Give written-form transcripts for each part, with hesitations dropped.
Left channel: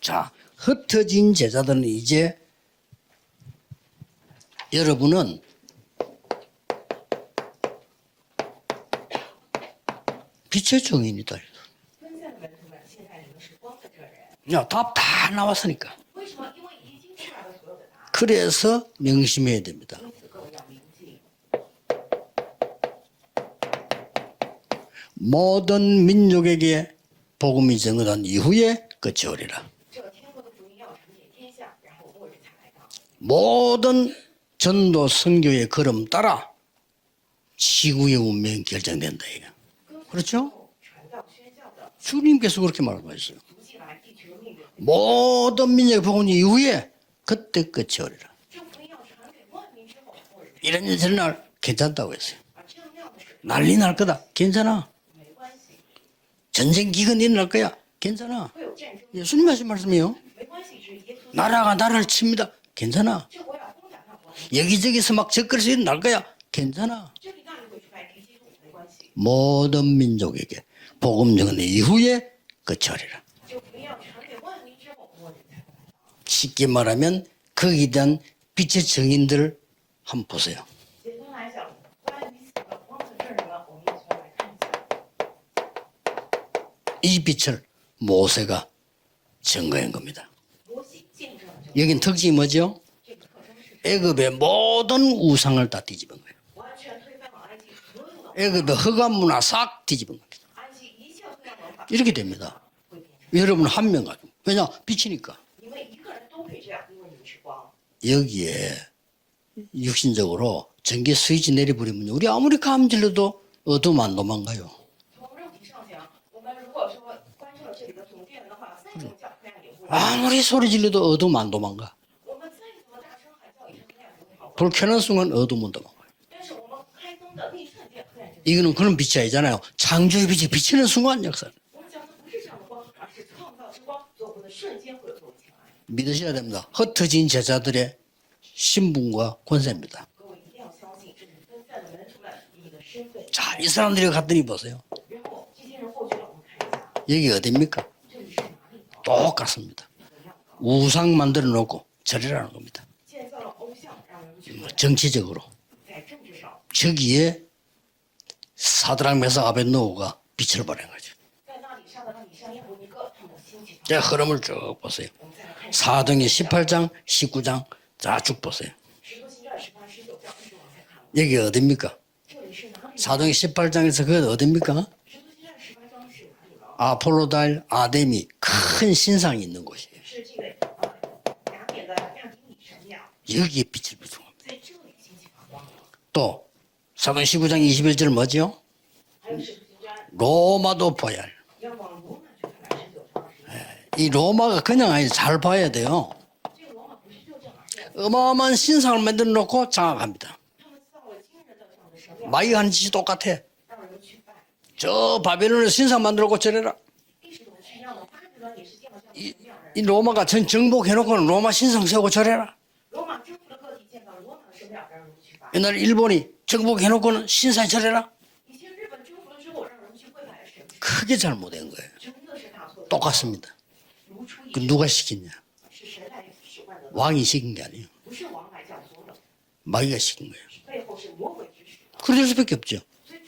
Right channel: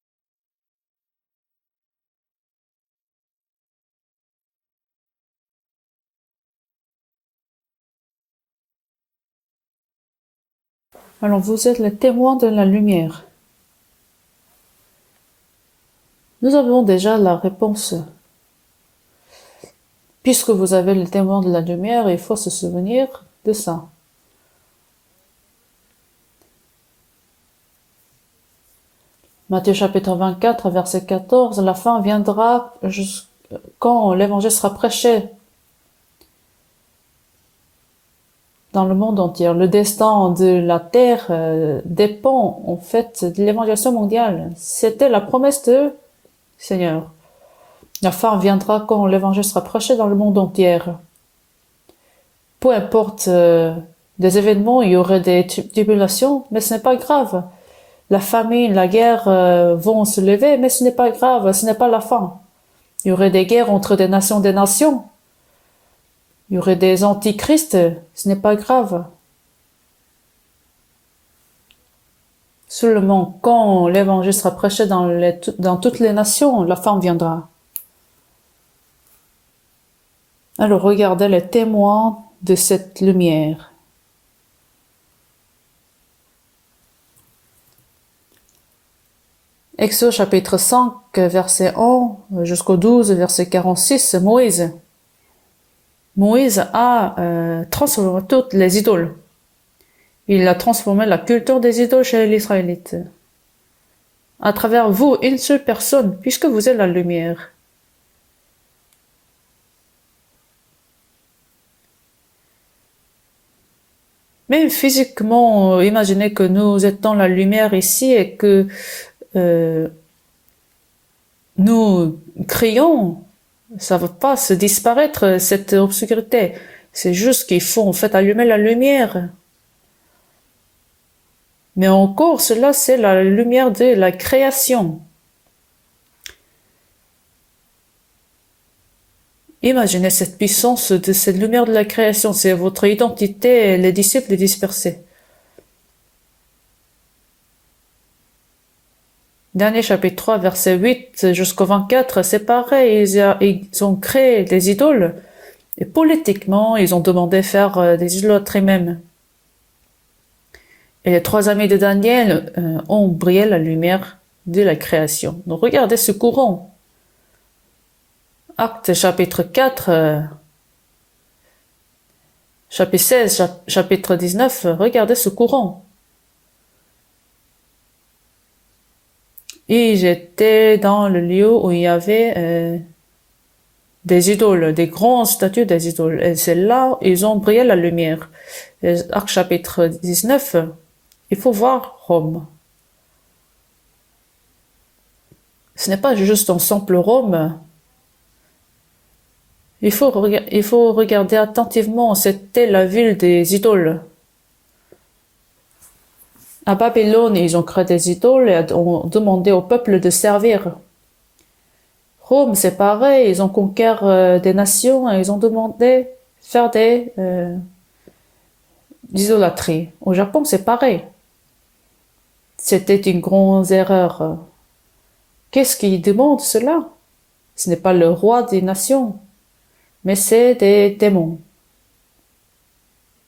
자, 흩어진 제자들은 이제 여러분은 빛의 증인이다. Alors vous êtes les témoins de la lumière. 야, 답 다 나왔으니까. Nous avons déjà la réponse. 그래서 명심해야 됩니다. Puisque vous avez les témoins de la lumière, il faut se souvenir de ça. 모든 민족에게 복음이 전거된 이후에 끝이 오리라. Matthieu chapitre 24, verset 14, la fin viendra quand 모든 l'évangile sera 전도 prêché 선교의 걸음 따라 지구의 운명이 dans le monde 결정된다. entier. Le destin de la terre dépend 계속 en 그렇게 fait 말하고 de l'évangélisation mondiale. C'était la promesse 모든 de 민족의 복음이 이후에 Seigneur. 그때 끝이 La fin viendra quand l'évangile sera prêché dans le monde entier. 전날 괜찮다고 했어요. Peu importe 난리 날 거다. des événements, il y aurait des tribulations, mais ce n'est 전쟁 pas 기근이 grave. 날 거야. La famine, la guerre vont se lever, mais ce n'est pas grave, ce 나라가 n'est pas la 나라를 fin. 칩니다. Il y 괜찮아. aurait des guerres entre des nations. 여기저기서 막 적그리스도 날 거야. Il y aurait des antichrists, ce n'est pas grave. 모든 민족에게 복음 전의 이후에 끝이 오리라. Seulement quand l'évangile sera prêché dans toutes les nations, 쉽게 la fin 말하면 viendra. 거기에 대한 빛의 증인들 한번 보세요. Alors regardez les témoins de cette lumière. 이 빛을 모세가 증거해. Exode chapitre 5, verset 여긴 특징이 1 뭐죠? jusqu'au 12, verset 46, 애굽의 Moïse. 모든 우상을 다 뒤집어. Moïse a transformé toutes les 애굽의 idoles. 흑암 문화 싹 뒤집어. Il a transformé la culture des idoles chez les Israélites. 여러분 한 명 가지고. À travers vous, une seule personne, puisque vous êtes la lumière. 여기에 육신적으로 전기 스위치 내려버리면 우리 아무리 감질러도 어둠 안 도망가. Même physiquement, imaginez que nous étions la lumière ici et que 아무리 소리 질러도 어둠 안 도망가. nous crions, ça ne va pas se disparaître, cette obscurité. C'est juste qu'il faut en fait allumer la 이거는 그런 lumière. 빛이 아니잖아요. 창조의 빛이 비치는 순간 역사. Mais encore, cela, c'est la lumière de la création. 믿으셔야 됩니다. 흩어진 제자들의 신분과 권세. Imaginez cette puissance de cette lumière de la création. C'est votre identité et les disciples dispersés. 여기 어딥니까? 똑같습니다. Dernier chapitre 3, verset 8 jusqu'au 24, c'est pareil. Ils ont créé des idoles. 정치적으로 Et politiquement, ils ont demandé faire des idolâtries même. 사드락 메삭 아벳노고가 빛을 발한 거죠. Et les trois amis de Daniel ont brillé la lumière de la création. Donc regardez ce 사도행전 courant. 18장, 19장 쭉 보세요. Acte chapitre 4, 여기 어딥니까? chapitre 16, chapitre 19, regardez ce courant. 아폴로달, 아데미 큰 신상이 있는 곳. Et j'étais dans le lieu où il y avait 여기에 빛을. des idoles, des grandes statues des idoles. Et c'est là où ils ont brillé la 19절 lumière. 뭐죠? Et Acte chapitre 19, 로마도 봐야 해. il faut voir Rome. 이 로마가 그냥 아니 잘 봐야 Ce n'est 돼요. pas juste un simple Rome. 어마어마한 신상을 만들어 놓고 자, Il faut regarder attentivement. C'était la ville des idoles. 저 바벨론에 신상 만들어 놓고 À 저래라. Babylone, ils ont créé des idoles et ont demandé au 이 peuple de 로마가 전 servir. 정복해놓고는 로마 신상 세우고 저래라. Rome, c'est pareil. Ils ont conquéri des nations et ils ont 옛날 demandé 일본이 faire des 정복해놓고는 신상 저래라. idolâtries. Au Japon, c'est pareil. 그게 잘못된 거예요. C'était une grande erreur. 그 누가 시켰냐? Qu'est-ce qui demande cela? 왕이 시킨 게 Ce n'est pas le roi des nations, 마귀가 mais 시킨. c'est des démons. 그럴 수밖에 없죠.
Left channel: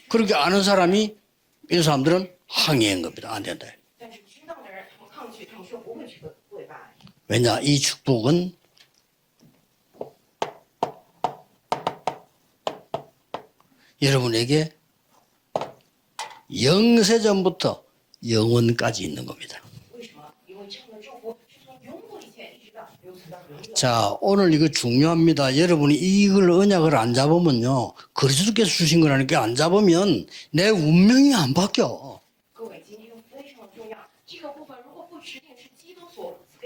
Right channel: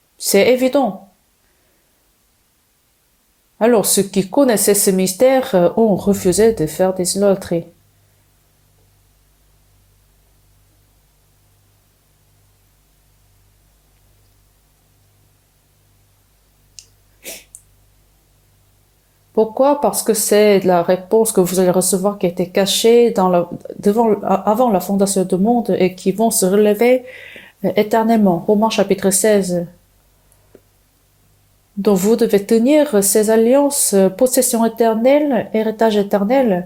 그렇게 C'est 아는 évident. 사람이 이 사람들은 항의한 겁니다. 안 된다. Alors, ceux qui connaissaient ce mystère ont refusé de faire des 왜냐 idolâtries. 이 축복은 여러분에게 영세전부터 영원까지 있는 겁니다. Pourquoi? Parce que c'est la réponse que vous allez recevoir qui était cachée avant la fondation du monde et qui vont se relever éternellement. Romains chapitre 16. 내 운명이 안 바뀌어. Donc vous devez tenir ces alliances, possession éternelle, héritage éternel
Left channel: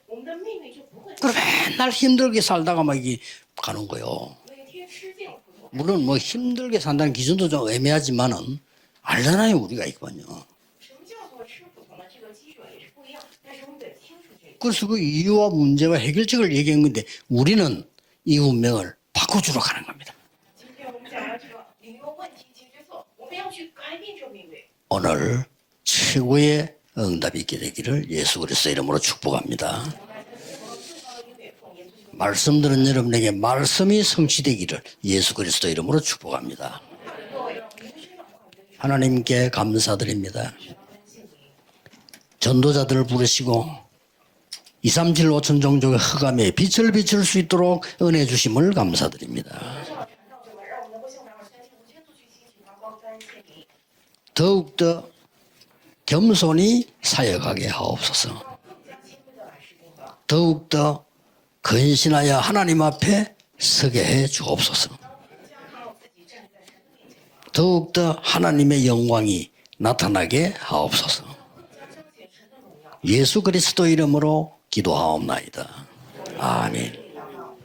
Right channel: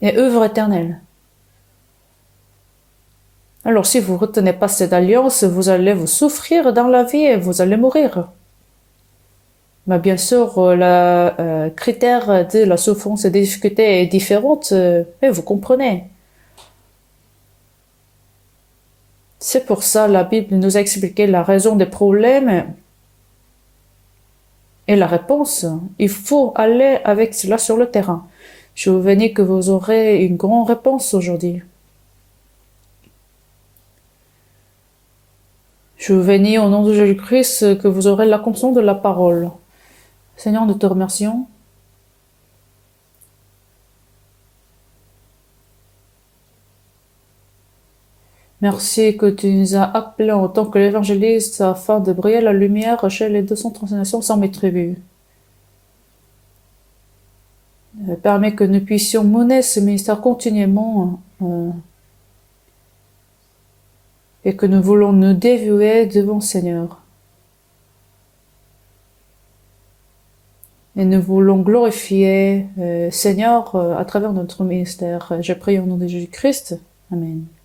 et œuvre éternelle. 그럼 맨날 힘들게 살다가 막 이게 Alors si vous ne retenez pas cette alliance, vous allez vous souffrir dans la vie et vous allez mourir. 알잖아요 우리가. Mais bien sûr, le critère de la souffrance et des difficultés est différent, 그래서 그 et vous 이유와 문제와 comprenez. 해결책을 얘기한 건데 우리는 이 운명을 C'est 바꿔주러 pour 가는 ça la Bible nous a expliqué la raison des problèmes Et la 오늘 réponse, il faut 최고의 aller avec 응답이 cela sur le 있기를 terrain. 예수 그리스도 Je 이름으로 veux bénis que vous 축복합니다. aurez une grande réponse aujourd'hui. 말씀 들은 여러분에게 말씀이 성취되기를 예수 그리스도 이름으로 Je vous bénis 축복합니다. au nom de Jésus-Christ que vous aurez l'accomplissement de la 하나님께 parole. 감사드립니다. Seigneur, nous te remercions. 전도자들을 부르시고 2, 3, 7, 5천 종족의 흑암에 빛을 비출 수 있도록 은혜 주심을 Merci que 감사드립니다. tu nous as appelés en tant que l'évangéliste afin de briller la lumière chez les 230 nations sans tribus. 더욱더 겸손히 사역하게 Je 하옵소서. permets que nous puissions mener ce ministère continuellement 근신하여 하나님 앞에 서게 해 et que nous 주옵소서. voulons nous dévouer devant le Seigneur. 더욱더 하나님의 영광이 나타나게 Et 하옵소서. nous voulons glorifier le 예수 Seigneur 그리스도 à travers 이름으로 notre ministère. Je 기도하옵나이다. prie au nom de Jésus-Christ. 아멘. Amen.